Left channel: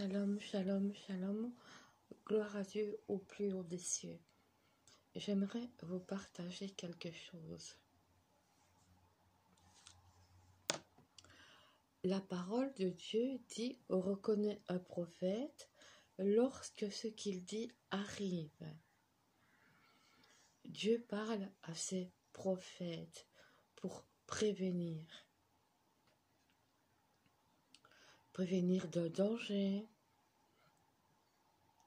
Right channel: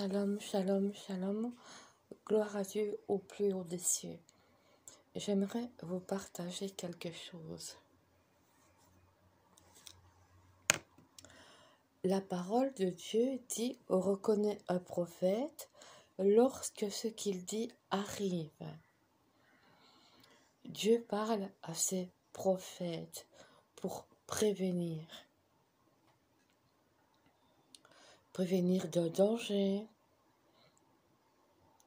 Shalom, shalom, shalom. Gloire à Dieu au plus haut des cieux. J'aimerais vous partager quelque chose. La parole de Dieu dit « Reconnaît un prophète lorsque ce qu'il dit arrive ». Dieu parle à ses prophètes pour prévenir d'un danger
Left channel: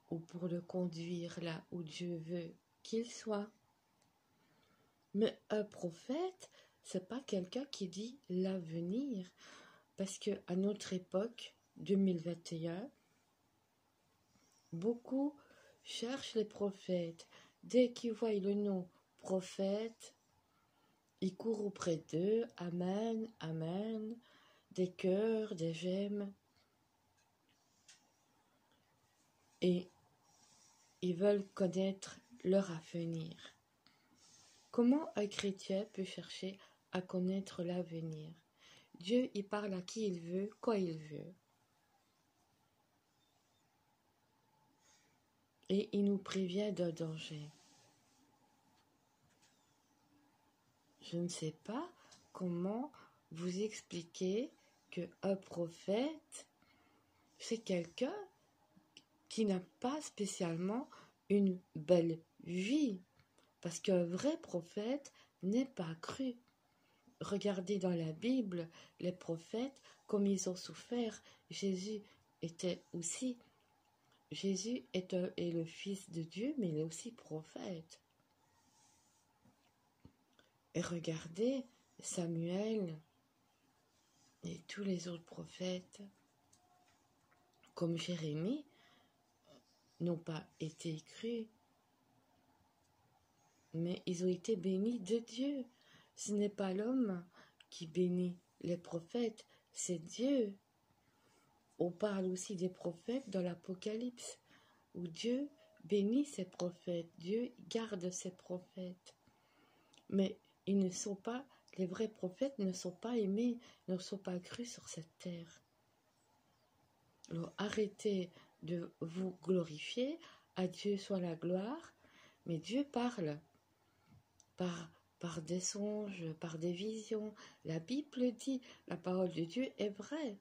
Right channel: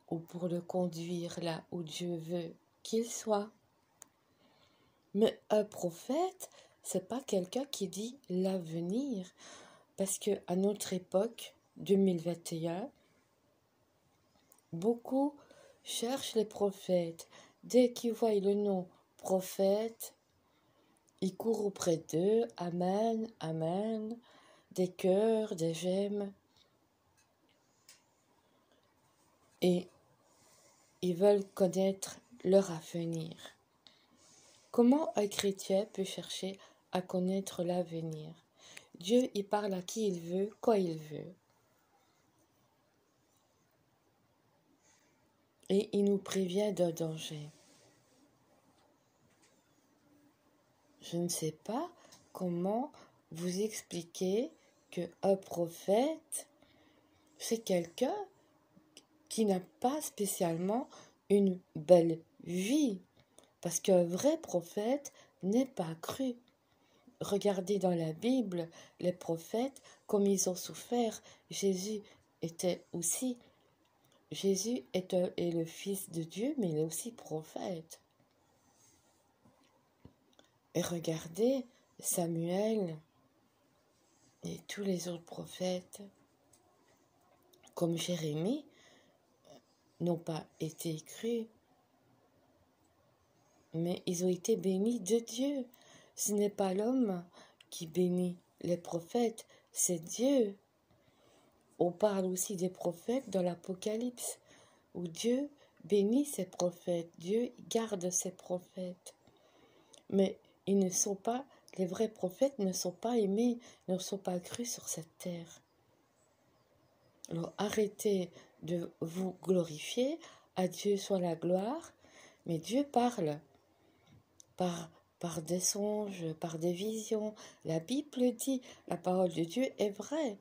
ou pour le conduire là où Dieu veut qu'il soit. Mais un prophète, c'est pas quelqu'un qui dit l'avenir, parce que à notre époque 2021, beaucoup cherchent les prophètes. Dès qu'ils voient le nom prophète, ils courent auprès d'eux, amen, amen, des cœurs, des j'aime. Et ils veulent connaître leur avenir. Comment un chrétien peut chercher à connaître l'avenir? Dieu, il parle à qui il veut, quand il veut. Et il nous prévient d'un danger. Je ne sais pas comment vous expliquer qu'un prophète, c'est quelqu'un qui n'a pas spécialement une belle vie. Parce qu'un vrai prophète n'est pas cru. Regardez dans la Bible, les prophètes, comme ils ont souffert. Jésus est le Fils de Dieu, mais il est aussi prophète. Et regardez Samuel et tous les autres prophètes, comme Jérémie, n'ont pas été crus, mais ils ont été bénis de Dieu. Ce n'est pas l'homme qui bénit les prophètes, c'est Dieu. On parle aussi des prophètes dans l'Apocalypse, où Dieu bénit ses prophètes, Dieu garde ses prophètes. Mais les vrais prophètes ne sont pas aimés, ne sont pas crus sur cette terre. Alors arrêtez de vous glorifier, à Dieu soit la gloire, mais Dieu parle par des songes, par des visions. La Bible dit, la parole de Dieu est vraie.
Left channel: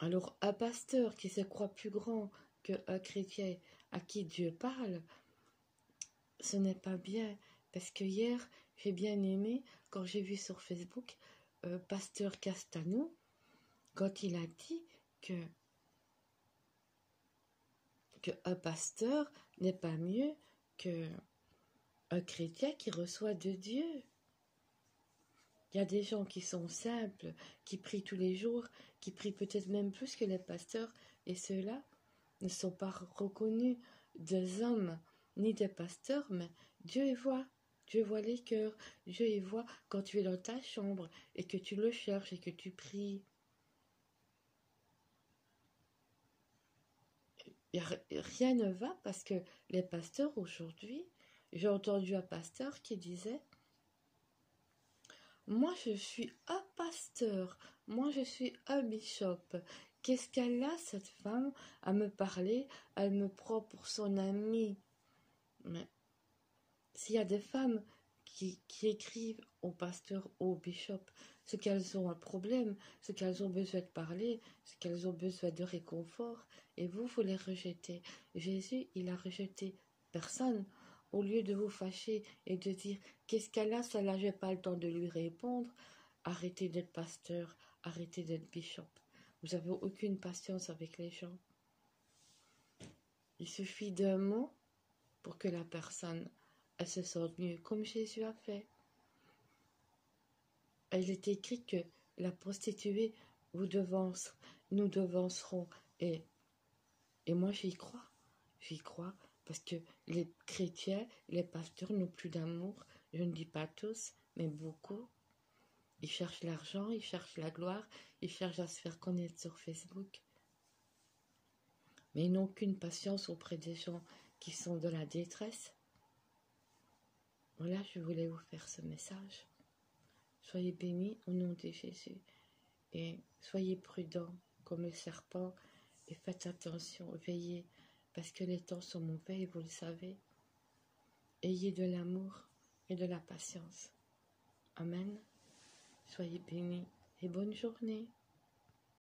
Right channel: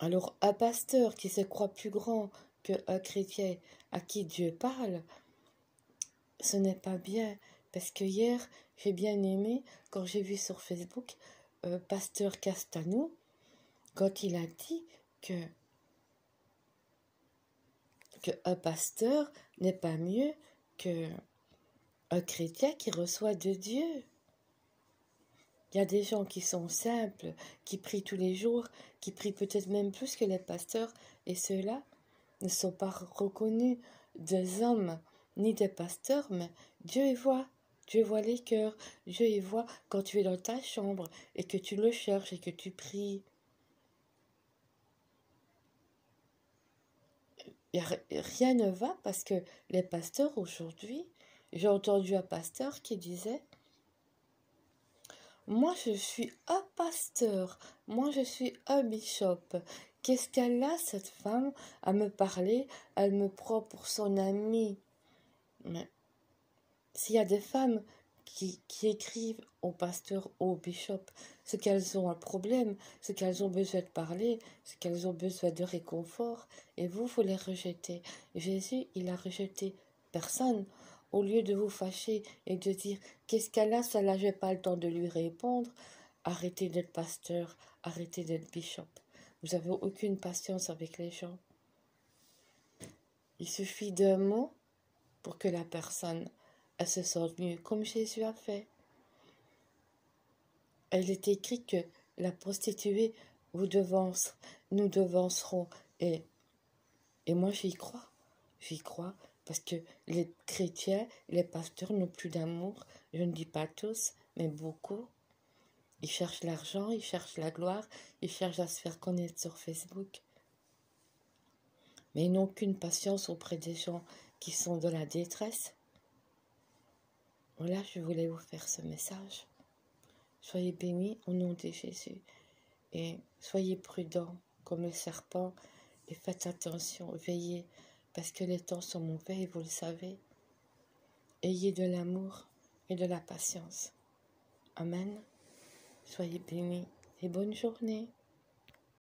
Alors un pasteur qui se croit plus grand qu'un chrétien à qui Dieu parle, ce n'est pas bien. Parce que hier, j'ai bien aimé, quand j'ai vu sur Facebook, pasteur Castanou, quand il a dit qu'un pasteur n'est pas mieux qu'un chrétien qui reçoit de Dieu. Il y a des gens qui sont simples, qui prient tous les jours, qui prient peut-être même plus que les pasteurs, et ceux-là ne sont pas reconnus des hommes ni des pasteurs, mais Dieu y voit. Dieu voit les cœurs. Dieu y voit quand tu es dans ta chambre et que tu le cherches et que tu pries. Rien ne va parce que les pasteurs aujourd'hui, j'ai entendu un pasteur qui disait « Moi je suis un pasteur, moi je suis un bishop. Qu'est-ce qu'elle a cette femme à me parler? Elle me prend pour son amie. » Mais s'il y a des femmes qui écrivent au pasteur, au bishop, c'est qu'elles ont un problème, c'est qu'elles ont besoin de parler, c'est qu'elles ont besoin de réconfort, et vous les rejetez. Jésus, il a rejeté personne. Au lieu de vous fâcher et de dire « Qu'est-ce qu'elle a, ça là, j'ai pas le temps de lui répondre », arrêtez d'être pasteur, arrêtez d'être bishop. Vous n'avez aucune patience avec les gens. Il suffit d'un mot pour que la personne elle se sente mieux, comme Jésus a fait. Elle est écrit que la prostituée nous devancerons. Et moi j'y crois, parce que les chrétiens, les pasteurs n'ont plus d'amour. Je ne dis pas tous, mais beaucoup. Ils cherchent l'argent, ils cherchent la gloire, ils cherchent à se faire connaître sur Facebook. Mais ils n'ont aucune patience auprès des gens qui sont dans la détresse. Voilà, je voulais vous faire ce message. Soyez bénis au nom de Jésus et soyez prudents comme le serpent. Et faites attention, veillez, parce que les temps sont mauvais et vous le savez. Ayez de l'amour et de la patience. Amen. Soyez bénis et bonne journée.